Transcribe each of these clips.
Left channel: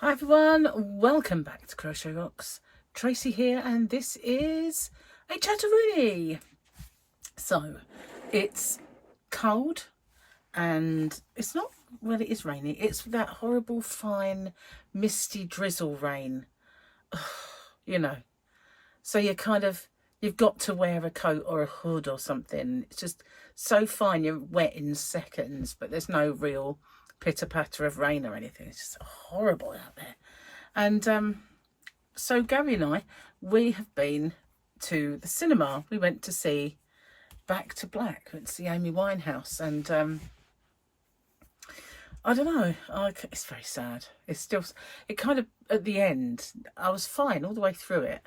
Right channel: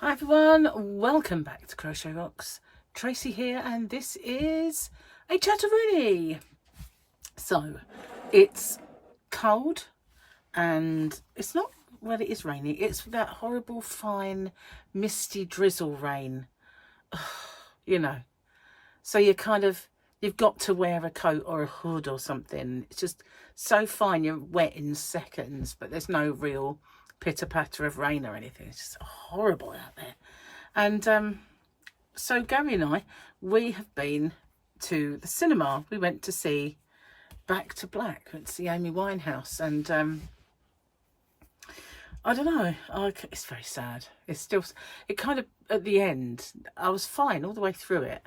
Hi everyone, welcome back to Crochet Rocks. Tracy here, and this is a chatteroony. So it's cold and it's not, well, it is rainy. It's that horrible fine misty drizzle rain, you know. So you've got to wear a coat or a hood or something. It's just so fine, you're wet in seconds, but there's no real pitter patter of rain or anything. It's just horrible out there. And so Gary and I, we have been to the cinema. We went to see Back to Black. Went to see Amy Winehouse, and I don't know. It's very sad. It's still. It kind of at the end. I was fine all the way through it,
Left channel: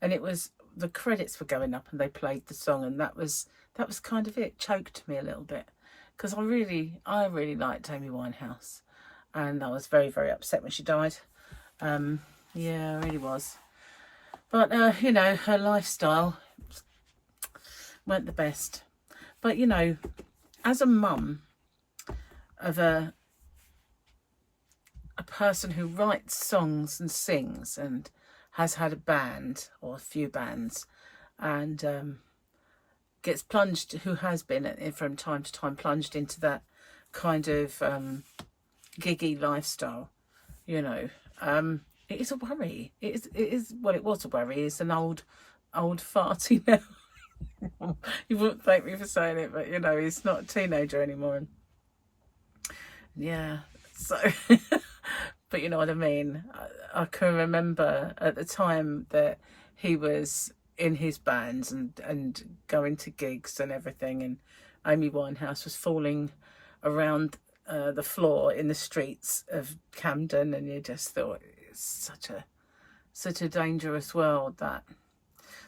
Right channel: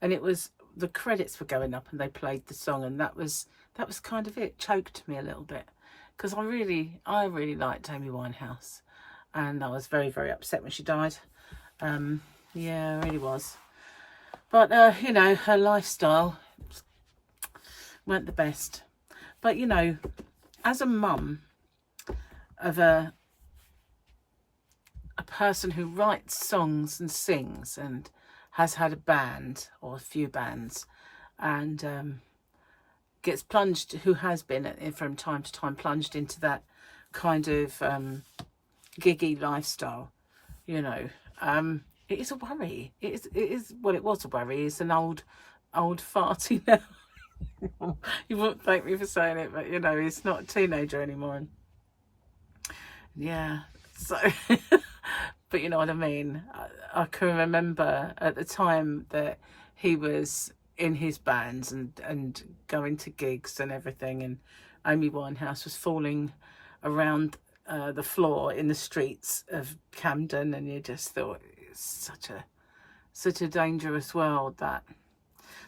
and it was the credits were going up, and they played the song, and that was kind of it. Choked me a little bit because I really liked Amy Winehouse, and I was very upset when she died. Yeah, I really was. But you know, her lifestyle weren't the best. But you know, as a mum of a person who writes songs and sings and has had a band or a few bands, and gets plunged, who has been from time to time plunged into that kind of giggy lifestyle, you know, it is a worry. It is well, it was a worry. It's an old farty now. You wouldn't thank me for saying it, but you know, he's not a teenager anymore. Yeah, so but you know what I mean. I can remember at the time that he was in his bands and going to gigs and everything, and Amy Winehouse was falling around the floor in the streets of Camden, and you just thought it's such a dangerous world. That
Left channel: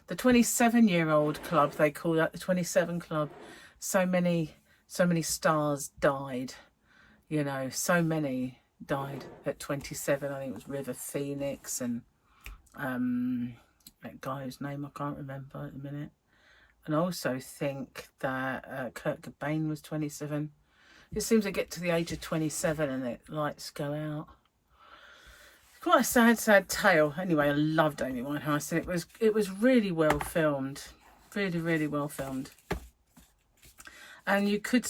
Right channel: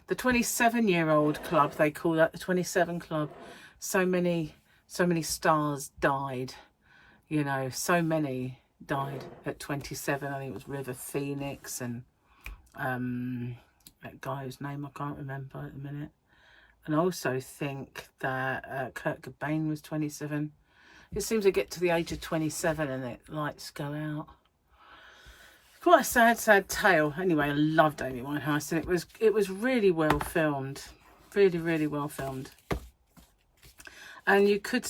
the 27-year-old club, they call that, the 27 club. So many stars died, you know, so many died at 27. I think it was River Phoenix and that guy whose name I can't remember at the minute. And I also think that Kurt Cobain was 27. It seems to get to the age of 27 and the lights go out. Quite a sad tale. Anyway, I loved Amy Winehouse, and it was really well filmed, really well filmed. And you could,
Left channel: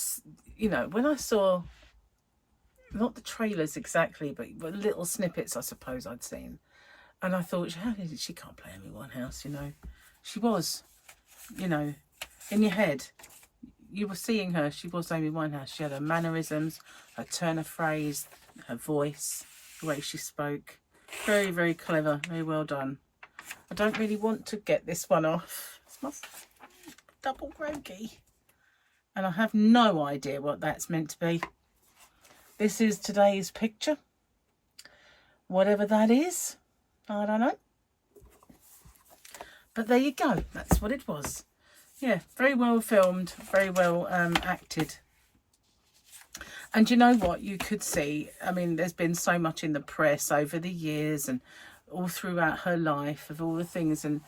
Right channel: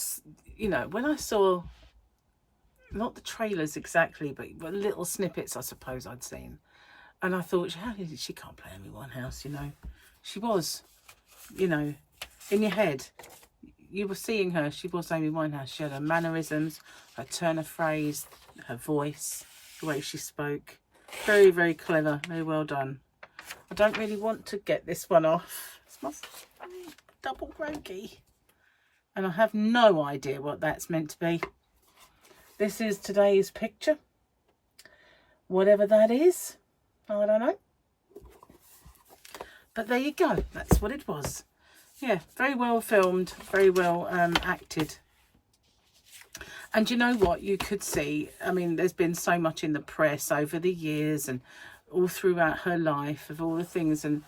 you know, when I saw, not the trailers exactly, but little snippets, I suppose I'd seen, and I thought, how did she can't play Amy Winehouse? You know, she was, you know, in your head. You were seeing her. She was Amy Winehouse. She had her mannerisms, her turn of phrase, her voice, the way she spoke. Very clever. Very well done. I don't really want to get this one off. It's my double groggy. And I have no idea what that's meant to be. This is today's picture. Whatever that is, I don't know. But there you go. That's what it was. Yeah, very well filmed, very well acted. And you know what, you could see, I mean, there's been so much in the press over the years and all throughout her life of all the things, and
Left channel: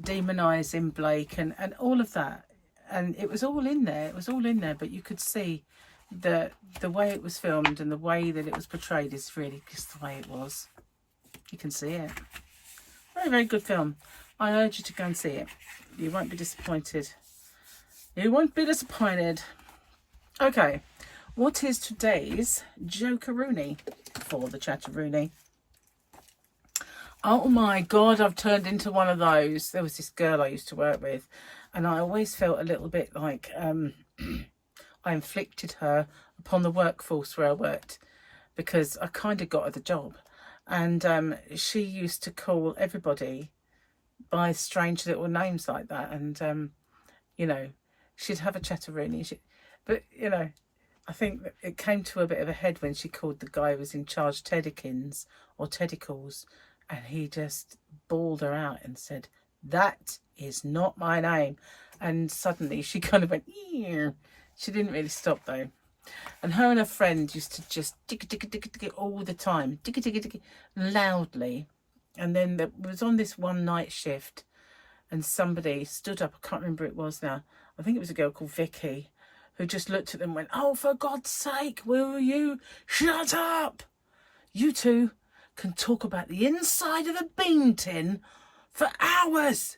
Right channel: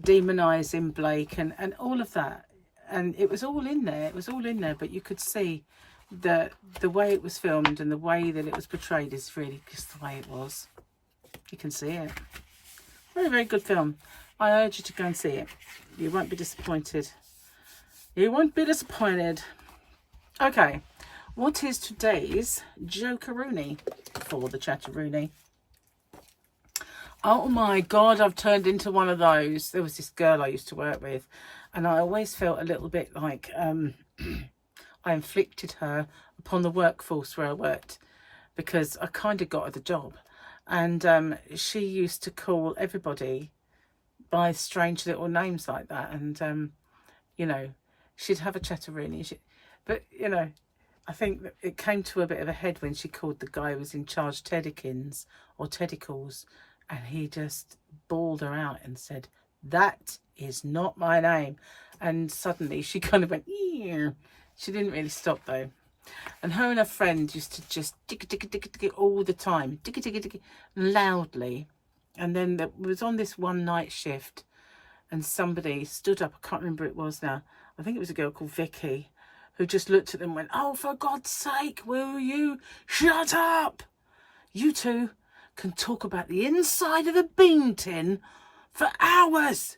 demonising Blake and all of that. And it was all in there. It was all in there. But you could see the way it was filmed and the way that it was portrayed is really just the way it was. You can see it. Very good film. I urge you to go and see it. You won't be disappointed. You won't be disappointed. Okay, what is today's jokeroony for the chatteroony? Oh my God, I've turned into one of those. There was this girl I used to work with, and I always felt a little bit like I inflicted her upon the workforce where I worked, because I kind of got her the job. And she used to call everybody by strange little names like that. And, you know, she'd have a chatteroony. But, you know, I think that it came to a bit of a head when she called the guy who was in charge Teddykins or Teddicals. And he just bawled her out and said, "That is not my name." And suddenly she kind of went, "Ew." She didn't really stop though. And her and her friend used to just diggy all the time, diggy loudly. And then there was on this one night shift, and somebody stood up. I can't remember who it was now. I think it was a girl called Vicky, who just looked at them and went, "Oh, for God's sake, will you shut up? You two can talk about the inside of a bean tin for hours.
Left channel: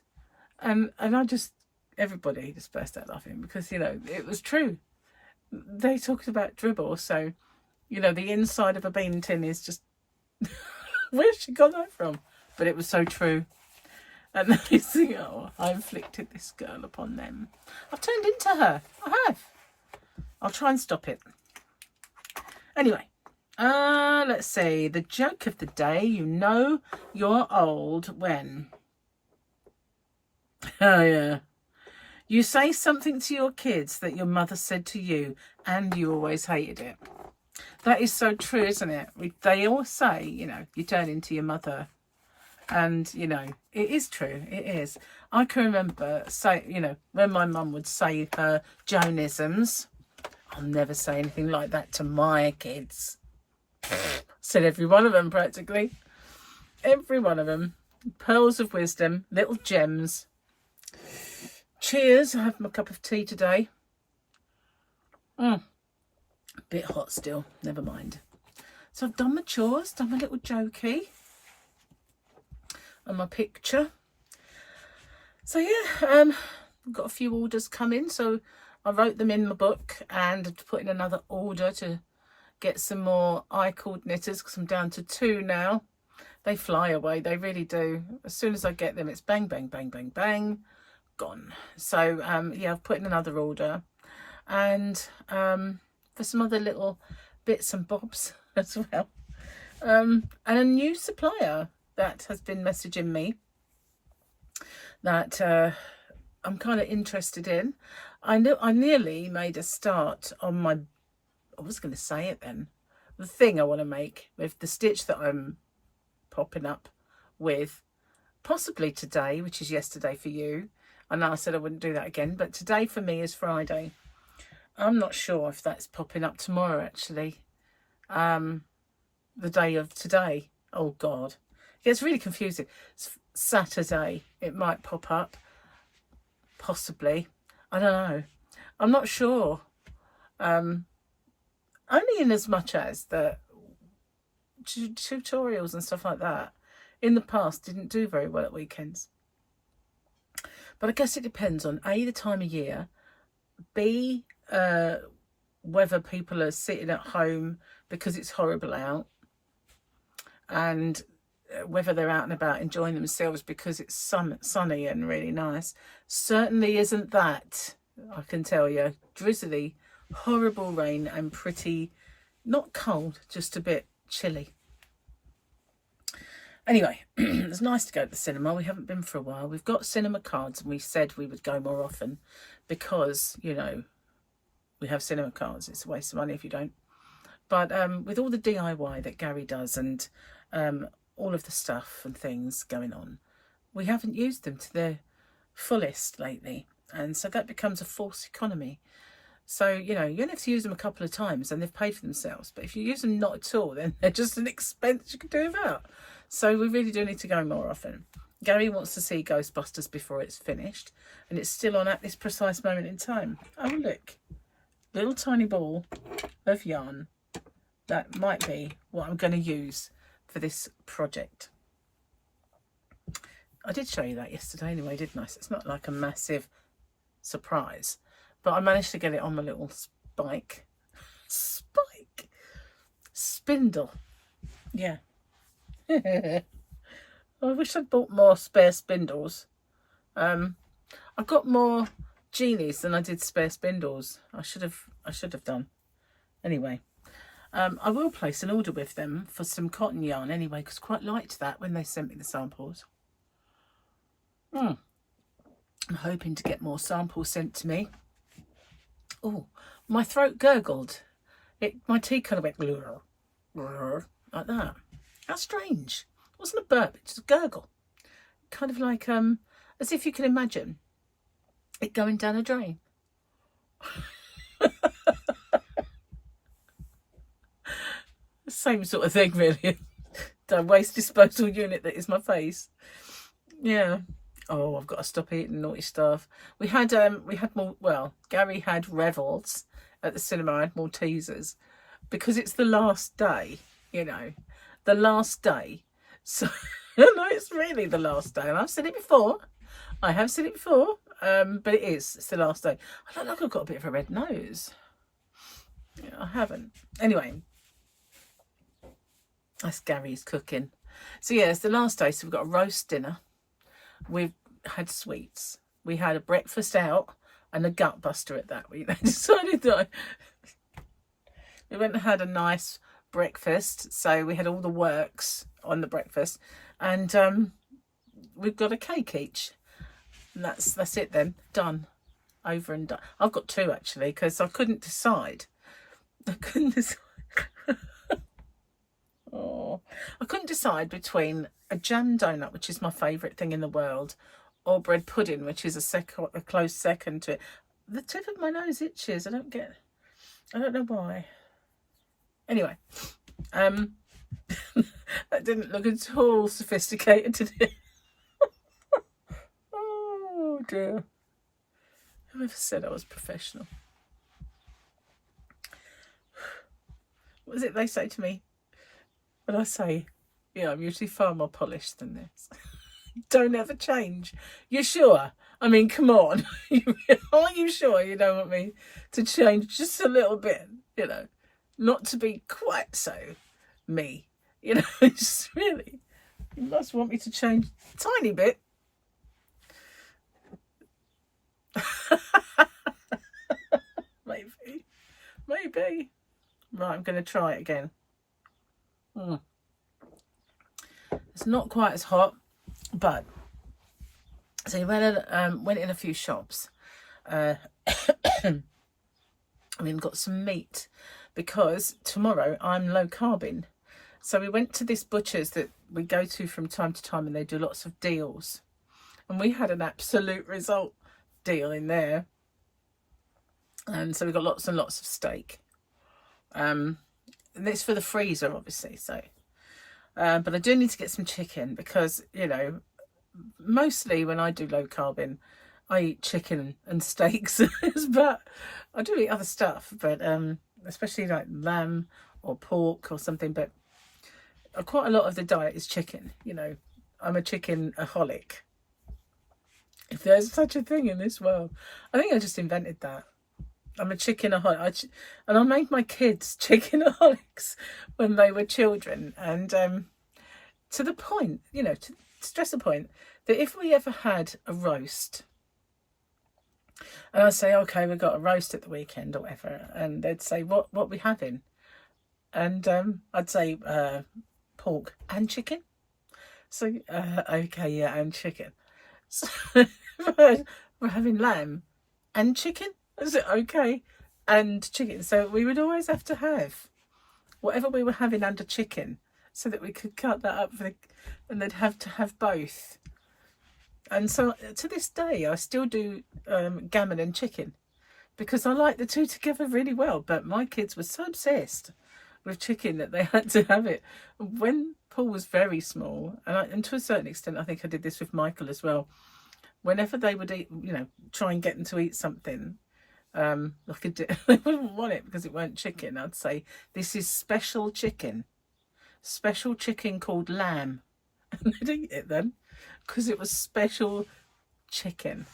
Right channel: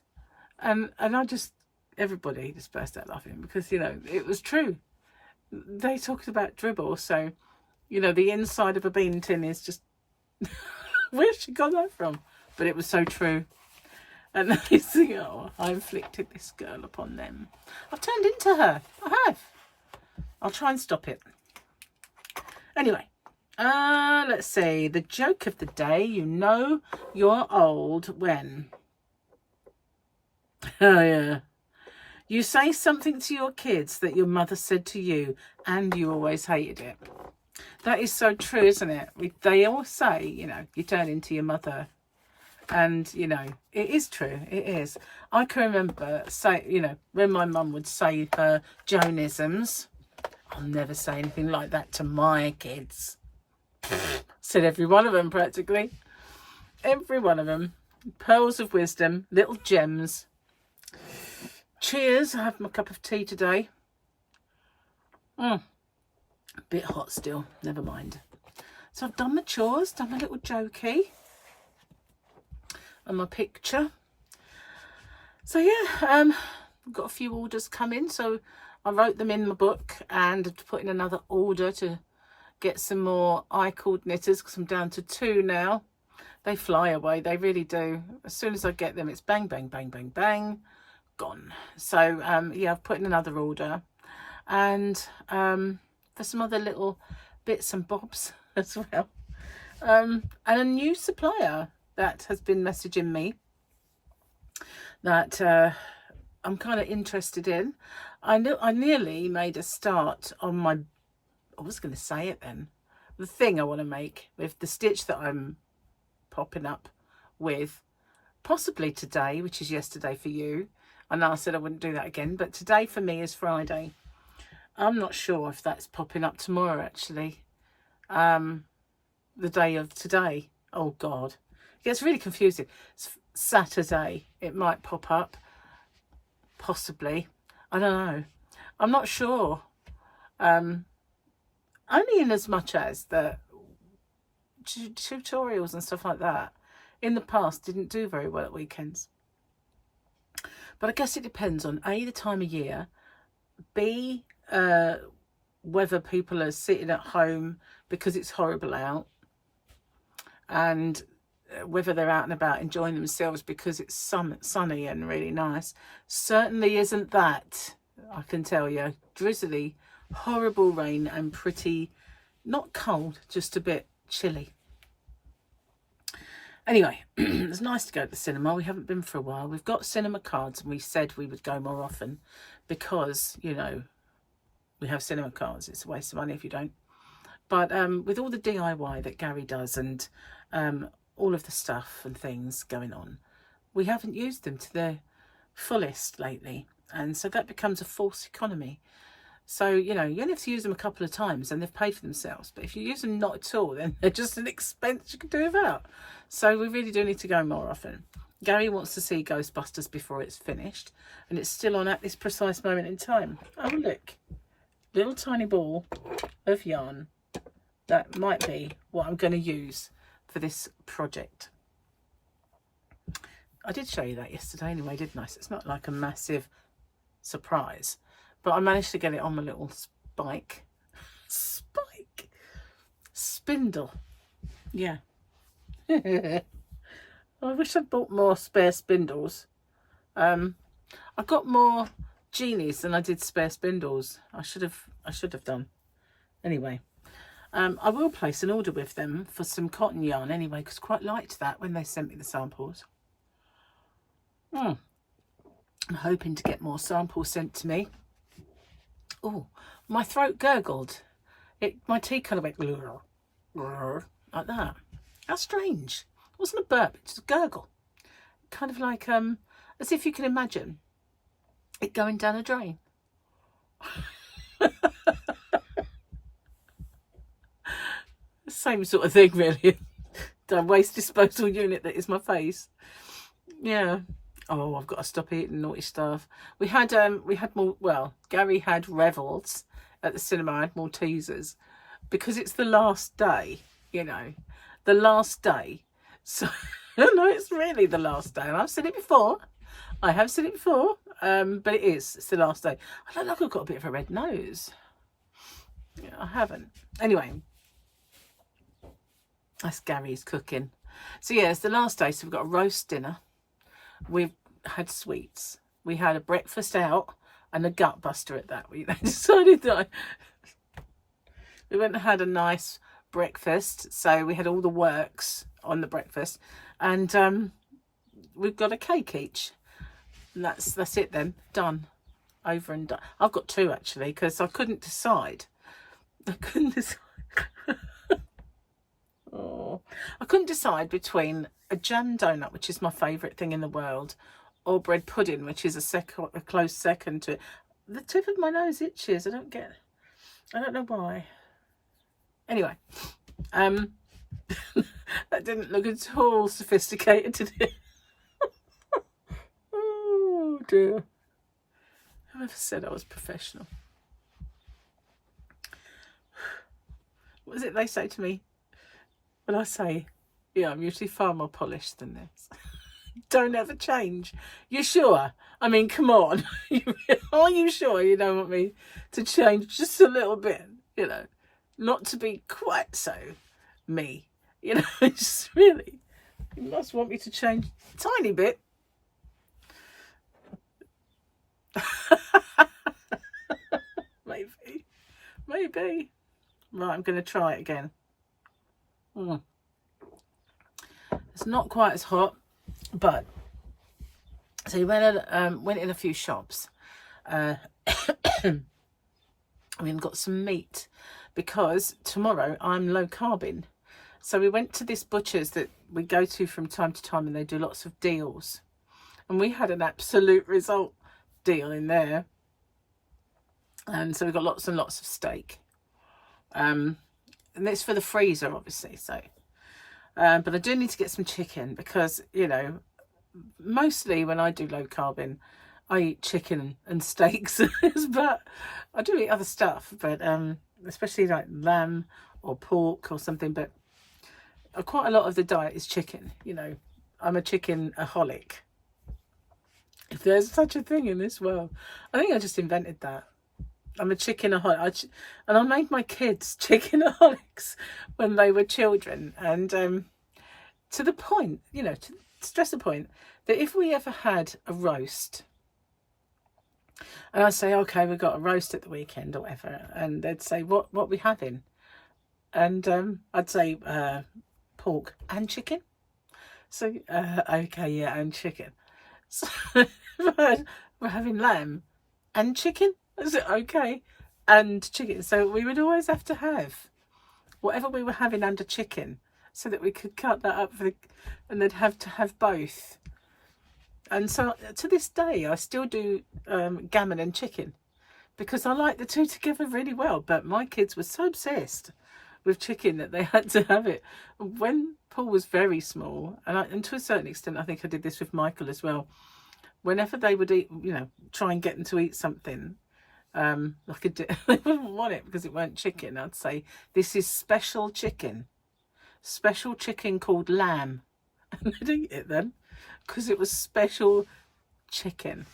And I just, everybody just burst out laughing because, you know, it was true. They talked about dribble, so, you know, the inside of a bean tin is just, where's she got that from? But it was so true. And they think, oh, I inflicted this girl upon them. I've turned into her. I have. I'll try and stop it. Anyway, let's see. The joke of the day. You know you're old when... Oh, yeah. You say something to your kids that your mother said to you and you always hated it. That is so true, isn't it? They all say, you know, you turn into your mother. And, you know, it is true. It is. I can remember, you know, when my mum would say her Joanisms, I'll never say anything like that to my kids. Said every one of them, practically. Every one of them. Pearls of wisdom, little gems. Cheers. I have my cup of tea today. A bit hot still. Never mind. So I've done my chores, done my little jokey. And my picture. So yeah, I've got a few orders coming, so I wrote them in my book and put in another order to get some more I-cord knitters because I'm down to 2 now. They fly away, they really do. As soon as I get them, it's bang, bang, bang, bang, bang, gone. So yeah, I've put in another order, and for some other little bits and bobs as well, and a new supplier that has been messaging me that I'm kind of interested in. I nearly made a start on my, I was going to say it then, the thing I want to make with the stitch that I'm popping up with, possibly today, which is yesterday for you. I know I said I wouldn't do that again, but today for me is Friday. I'm not sure if that's popping up tomorrow, actually. The day of today. Oh, God. It gets really confusing. It's Saturday. It might pop up. Possibly. I don't know. I'm not sure. Only in as much as the tutorials and stuff like that in the past didn't do very well at weekends. But I guess it depends on A, the time of year, B, whether people are sitting at home because it's horrible out, and whether they're out and about enjoying themselves because it's sunny and really nice. Certainly isn't that, I can tell you. Drizzly, horrible rain and pretty, not cold, just a bit chilly. Anyway, it's nice to go to the cinema. We haven't been for a while. We've got cinema cards and we said we would go more often because, you know, we have cinema cards. It's a waste of money if you don't. But with all the DIY that Gary does and all of the stuff and things going on, we haven't used them to their fullest lately, and so that becomes a false economy. So, you know, you only have to use them a couple of times and they've paid for themselves, but if you use them not at all, then they're just an expense you can do without. So we really do need to go more often. Gary wants to see Ghostbusters before it's finished, and it's still on at this precise moment in time. Oh look, little tiny ball of yarn. That might be what I'm going to use for this project. I did show you that yesterday anyway, didn't I? So it's not like a massive surprise, but I managed to get it on my little spindle. Yeah. I wish I'd bought more spare spindles. I got more genies than I did spare spindles. I should have done. Anyway. I will place an order with them for some cotton yarn anyway, because I quite liked that when they sent me the samples. I'm hoping to get more samples sent to me. Oh, my throat gurgled. My tea kind of went like that. How strange. It wasn't a burp, it's just a gurgle. Kind of like, as if you can imagine it going down a drain. Same sort of thing, really. The waste disposal unit that is my face. Yeah. Oh, I've got to stop eating naughty stuff. We had more. Well, Gary had revels at the cinema. I had Maltesers because it's the last day, you know. the last day. So, no, it's really the last day. And I've said it before. I have said it before, but it is. It's the last day. I don't like I've got a bit of a red nose. Yeah, I haven't. Anyway, that's Gary's cooking. So, yeah, it's the last day. So, we've got a roast dinner. We've had sweets. We had a breakfast out and a gut buster at that. We decided that we went and had a nice breakfast. So, we had all the works on the breakfast. And we've got a cake each. And that's it then. Done. Over and done. I've got two actually because I couldn't decide. Oh, I couldn't decide between a jam donut, which is my favourite thing in the world, or bread pudding, which is a close second to it. The tip of my nose itches. I don't know why. Anyway, that didn't look at all sophisticated, did it? Oh dear. Whoever said I was professional? What is it they say to me when I say, yeah, I'm usually far more polished than this? Don't ever change. You're sure? I mean, come on. Are you sure you don't want me to change just a little bit? You know, not to be quite so me. You know, it's really, you must want me to change a tiny bit. Maybe. Right, I'm going to try it again. It's not quite as hot, but so we went in a few shops. I mean, got some meat because tomorrow I'm low carbing. So we went to this butcher's that we go to from time to time, and they do lots of deals. And we had an absolute result deal in there. And so we got lots and lots of steak. And it's for the freezer, obviously. So, but I do need to get some chicken because, you know, mostly when I do low carbing, I eat chicken and steaks, but I do eat other stuff, but especially like lamb or pork or something. But quite a lot of the diet is chicken. You know, I'm a chicken-aholic, if there's such a thing in this world. I think I just invented that. I'm a chicken-aholic. And I made my kids chicken-aholics when they were children. And to the point, you know, to stress the point, that if we ever had a roast, and I'd say, okay, we've got a roast at the weekend or whatever, and they'd say, what we having? And I'd say, pork and chicken. So, okay, yeah, and chicken. So, we're having lamb and chicken. Is it okay? And chicken. So we would always have to have whatever we were having under chicken so that we could cut that up and they'd have to have both. And so to this day, I still do gammon and chicken because I like the two together really well. But my kids were so obsessed with chicken that they had to have it. When Paul was very small, and to a certain extent, I think I did this with Michael as well, whenever they would eat, you know, try and get them to eat something, like they wouldn't want it because it weren't chicken. I'd say, this is special chicken called lamb. And they'd eat it then because it was special chicken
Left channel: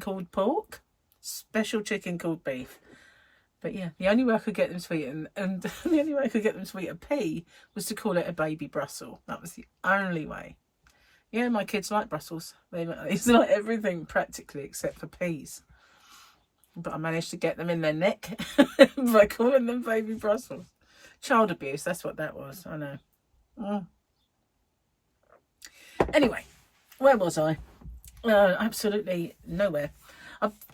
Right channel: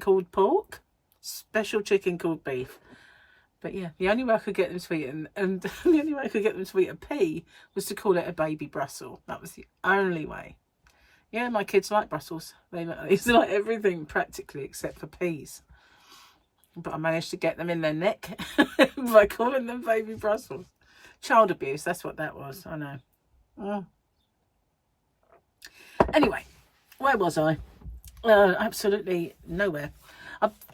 called pork, special chicken called beef. But yeah, the only way I could get them to eat and the only way I could get them to eat a pea was to call it a baby Brussels. That was the only way. Yeah, my kids like Brussels. They like everything practically except for peas. But I managed to get them in their neck by calling them baby Brussels. Child abuse, that's what that was. I know. Anyway, where was I? Absolutely nowhere.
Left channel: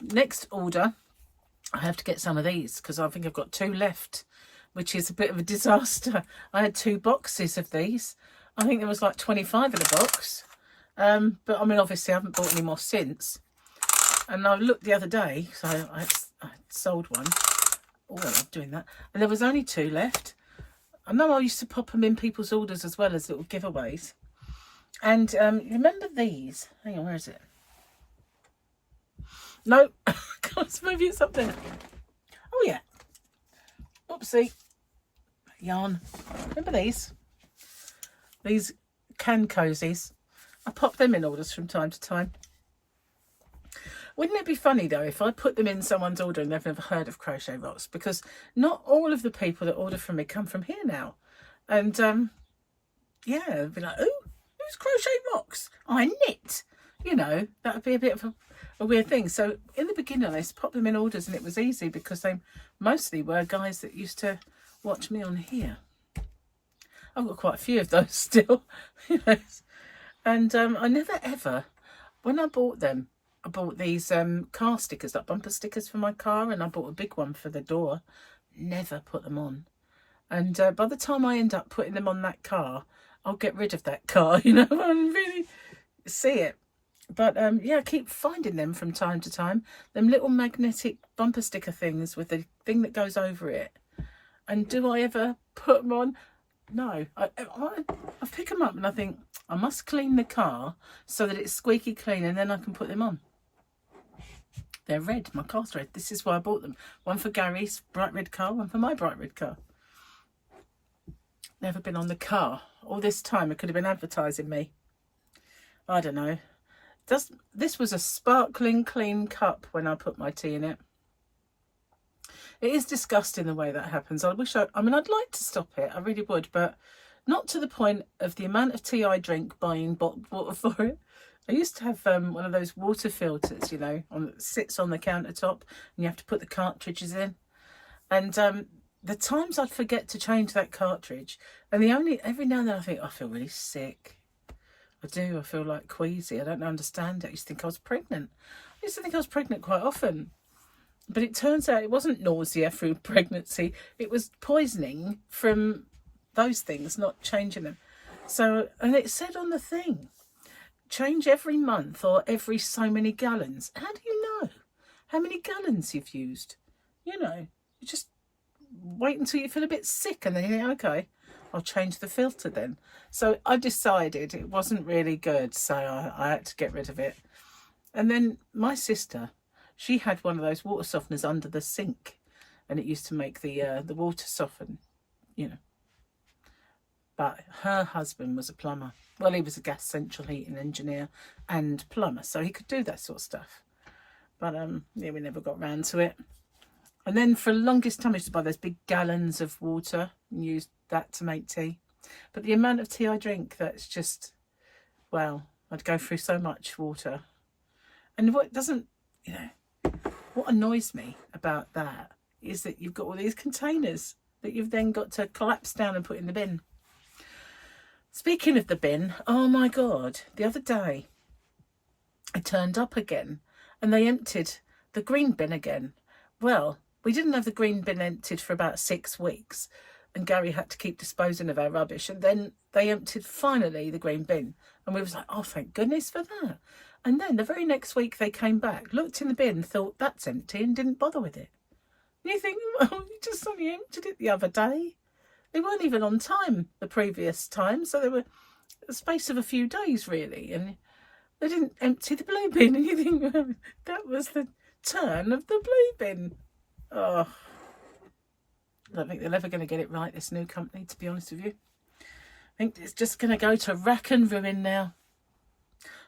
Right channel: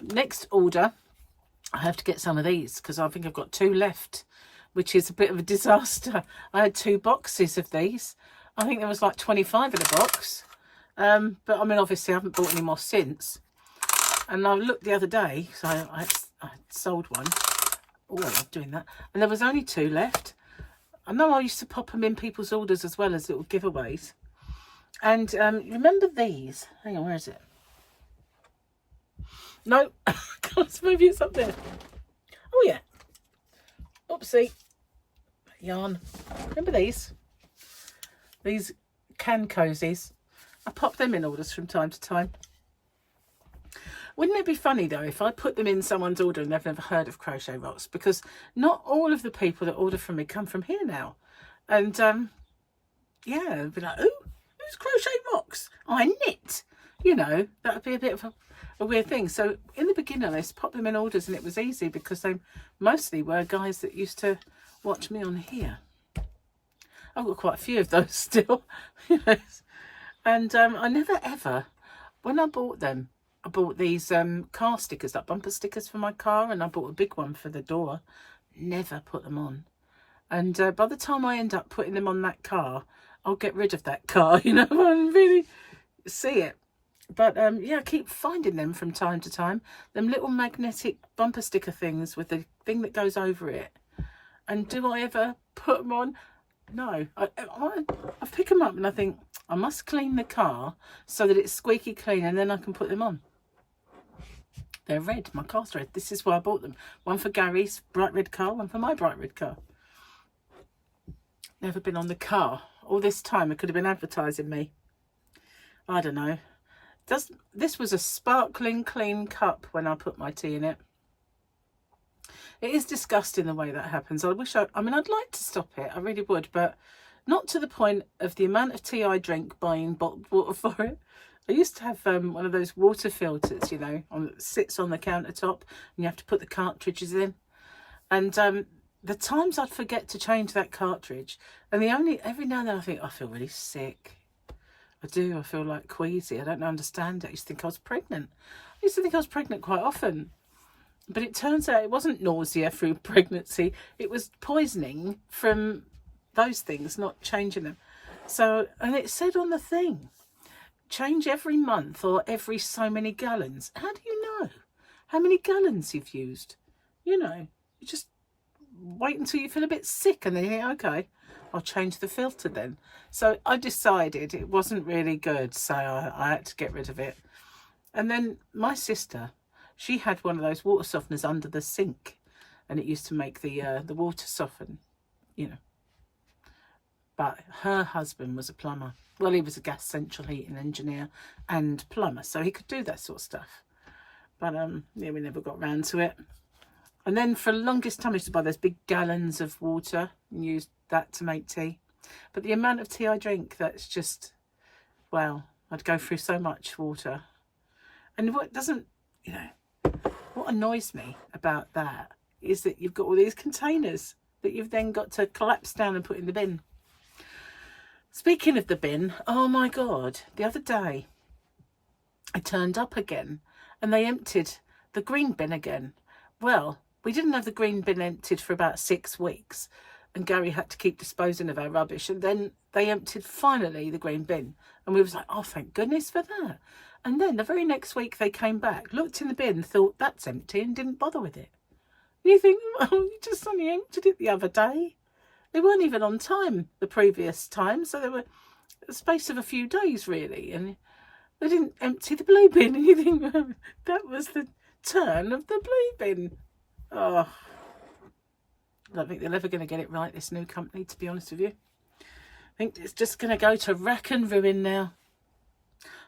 Next order, I have to get some of these because I think I've got 2 left, which is a bit of a disaster. I had 2 boxes of these. I think there was like 25 in a box. But I mean, obviously I haven't bought any more since. And I looked the other day, so I sold one. Oh, I love doing that. And there was only 2 left. I know I used to pop them in people's orders as well as little giveaways. And remember these? Hang on, where is it? No, maybe it's up there. Oh yeah. Oopsie. Yarn. Remember these? These can cozies. I pop them in orders from time to time. Wouldn't it be funny though if I put them in someone's order and they've never heard of Crochet Rocks? Because not all of the people that order from me come from here now. And yeah, they'd be like, "Ooh, who's Crochet Rocks? I knit." You know, that would be a bit of a weird thing. So in the beginning, I used to pop them in orders, and it was easy because they mostly were guys that used to watch me on here. I've got quite a few of those still. You know. And I never ever, when I bought them, I bought these car stickers, like bumper stickers for my car, and I bought a big one for the door. Never put them on. And by the time I end up putting them on that car, I'll get rid of that car, you know, I really see it. But yeah, I keep finding them from time to time. Them little magnetic bumper sticker things with the thing that goes over it. And do I ever put them on? No. I pick them up and I think, I must clean the car so that it's squeaky clean, and then I can put them on. They're red. My car's red. This is why I bought them. One for Gary's bright red car, one for my bright red car. Never been on the car. All this time it could have been advertising me. I don't know. This was a sparkling clean cup when I put my tea in it. It is disgusting the way that happens. I mean, I'd like to stop it. I really would, but not to the point of the amount of tea I drink buying bottled water for it. I used to have one of those water filters, you know, that sits on the countertop, and you have to put the cartridges in. And the times I'd forget to change that cartridge, and every now and then I think, I feel really sick. I do. I feel like queasy. I don't understand it. I used to think I was pregnant. I used to think I was pregnant quite often. But it turns out it wasn't nausea through pregnancy. It was poisoning from those things, not changing them. So, and it said on the thing, change every month or every so many gallons. How do you know how many gallons you've used? You know, you just wait until you feel a bit sick and then you think, okay, I'll change the filter then. So I decided it wasn't really good, so I had to get rid of it. And then my sister, she had one of those water softeners under the sink, and it used to make the water soften, you know. But her husband was a plumber. Well, he was a gas central heating engineer and plumber, so he could do that sort of stuff. But yeah, we never got round to it. And then for the longest time, I used to buy those big gallons of water and use that to make tea. But the amount of tea I drink, that's just, well, I'd go through so much water. And what doesn't, you know, what annoys me about that is that you've got all these containers that you've then got to collapse down and put in the bin. Speaking of the bin, oh my God, the other day I turned up again and they emptied the green bin again. Well, we didn't have the green bin emptied for about 6 weeks, and Gary had to keep disposing of our rubbish, and then they emptied finally the green bin, and we was like, oh, thank goodness for that. And then the very next week they came back, looked in the bin, thought that's empty, and didn't bother with it. And you think, well, you just only emptied it the other day. They weren't even on time the previous time, so they were a space of a few days really, and they didn't empty the blue bin. And you think, well, that was the turn of the blue bin. Oh, I don't think they're ever going to get it right, this new company, to be honest with you. I think it's just going to go to rack and ruin now.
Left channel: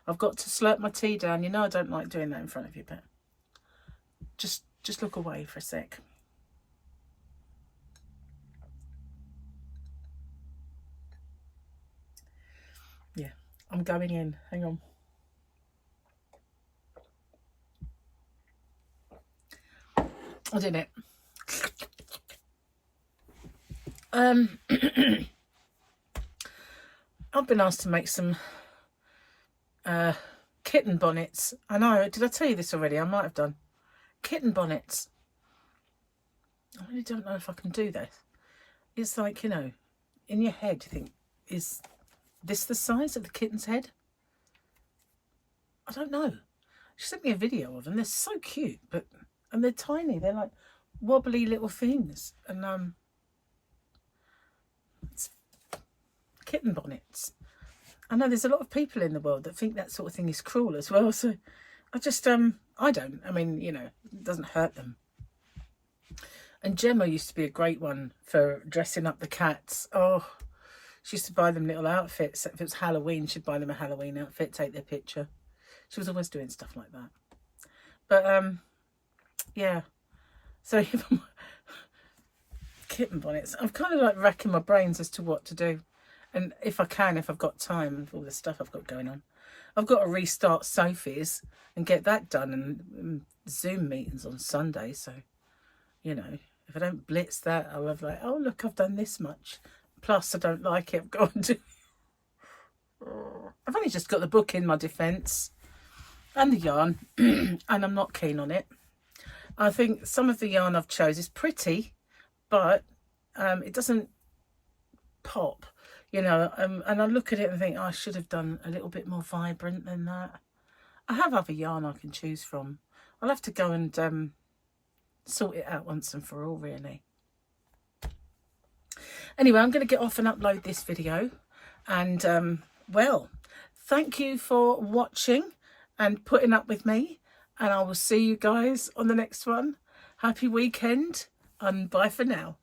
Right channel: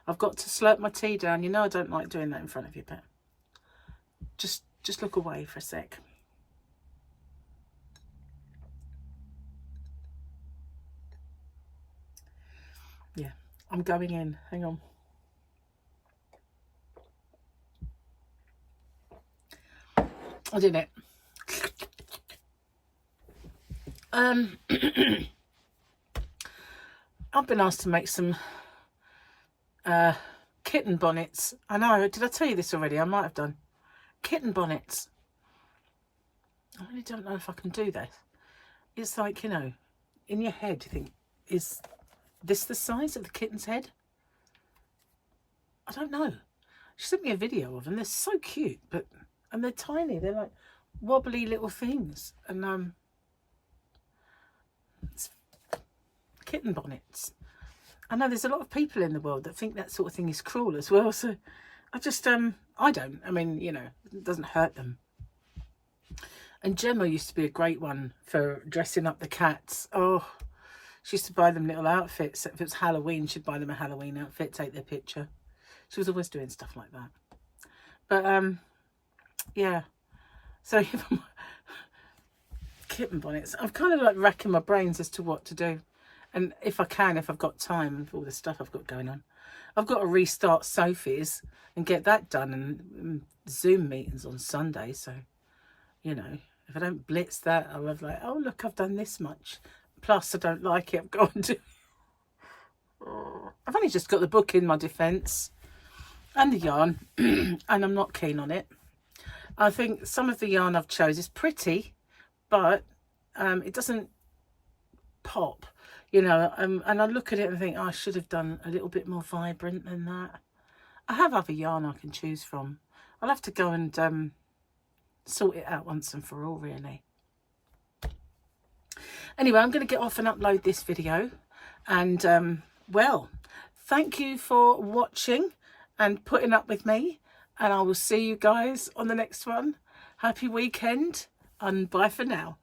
I've got to slurp my tea down. You know I don't like doing that in front of you, but just look away for a sec. Yeah, I'm going in. Hang on. I did it. I've been asked to make some kitten bonnets. I know, did I tell you this already? I might have done. Kitten bonnets. I really don't know if I can do this. It's like, you know, in your head you think, is this the size of the kitten's head? I don't know. She sent me a video of them. They're so cute, and they're tiny. They're like wobbly little things. And it's kitten bonnets. I know there's a lot of people in the world that think that sort of thing is cruel as well. So I just, I don't. I mean, you know, it doesn't hurt them. And Gemma used to be a great one for dressing up the cats. Oh, She used to buy them little outfits. If it was Halloween, she'd buy them a Halloween outfit, take their picture. She was always doing stuff like that. But yeah. So kitten bonnets. I'm kind of like racking my brains as to what to do. And if I can, if I've got time with all the stuff I've got going on, I've got to restart Sophie's and get that done, and Zoom meetings on Sunday. So, you know, if I don't blitz that, I'll have like, oh, look, I've done this much. Plus, I don't like it. I've got to. I've only just got the book in my defence and the yarn, and I'm not keen on it. I think some of the yarn I've chose is pretty, but it doesn't pop, you know, and I look at it and think, oh, I should have done a little bit more vibrant than that. I have other yarn I can choose from. I'll have to go and sort it out once and for all, really. Anyway, I'm going to get off and upload this video, and well, thank you for watching and putting up with me, and I will see you guys on the next one. Happy weekend, and bye for now.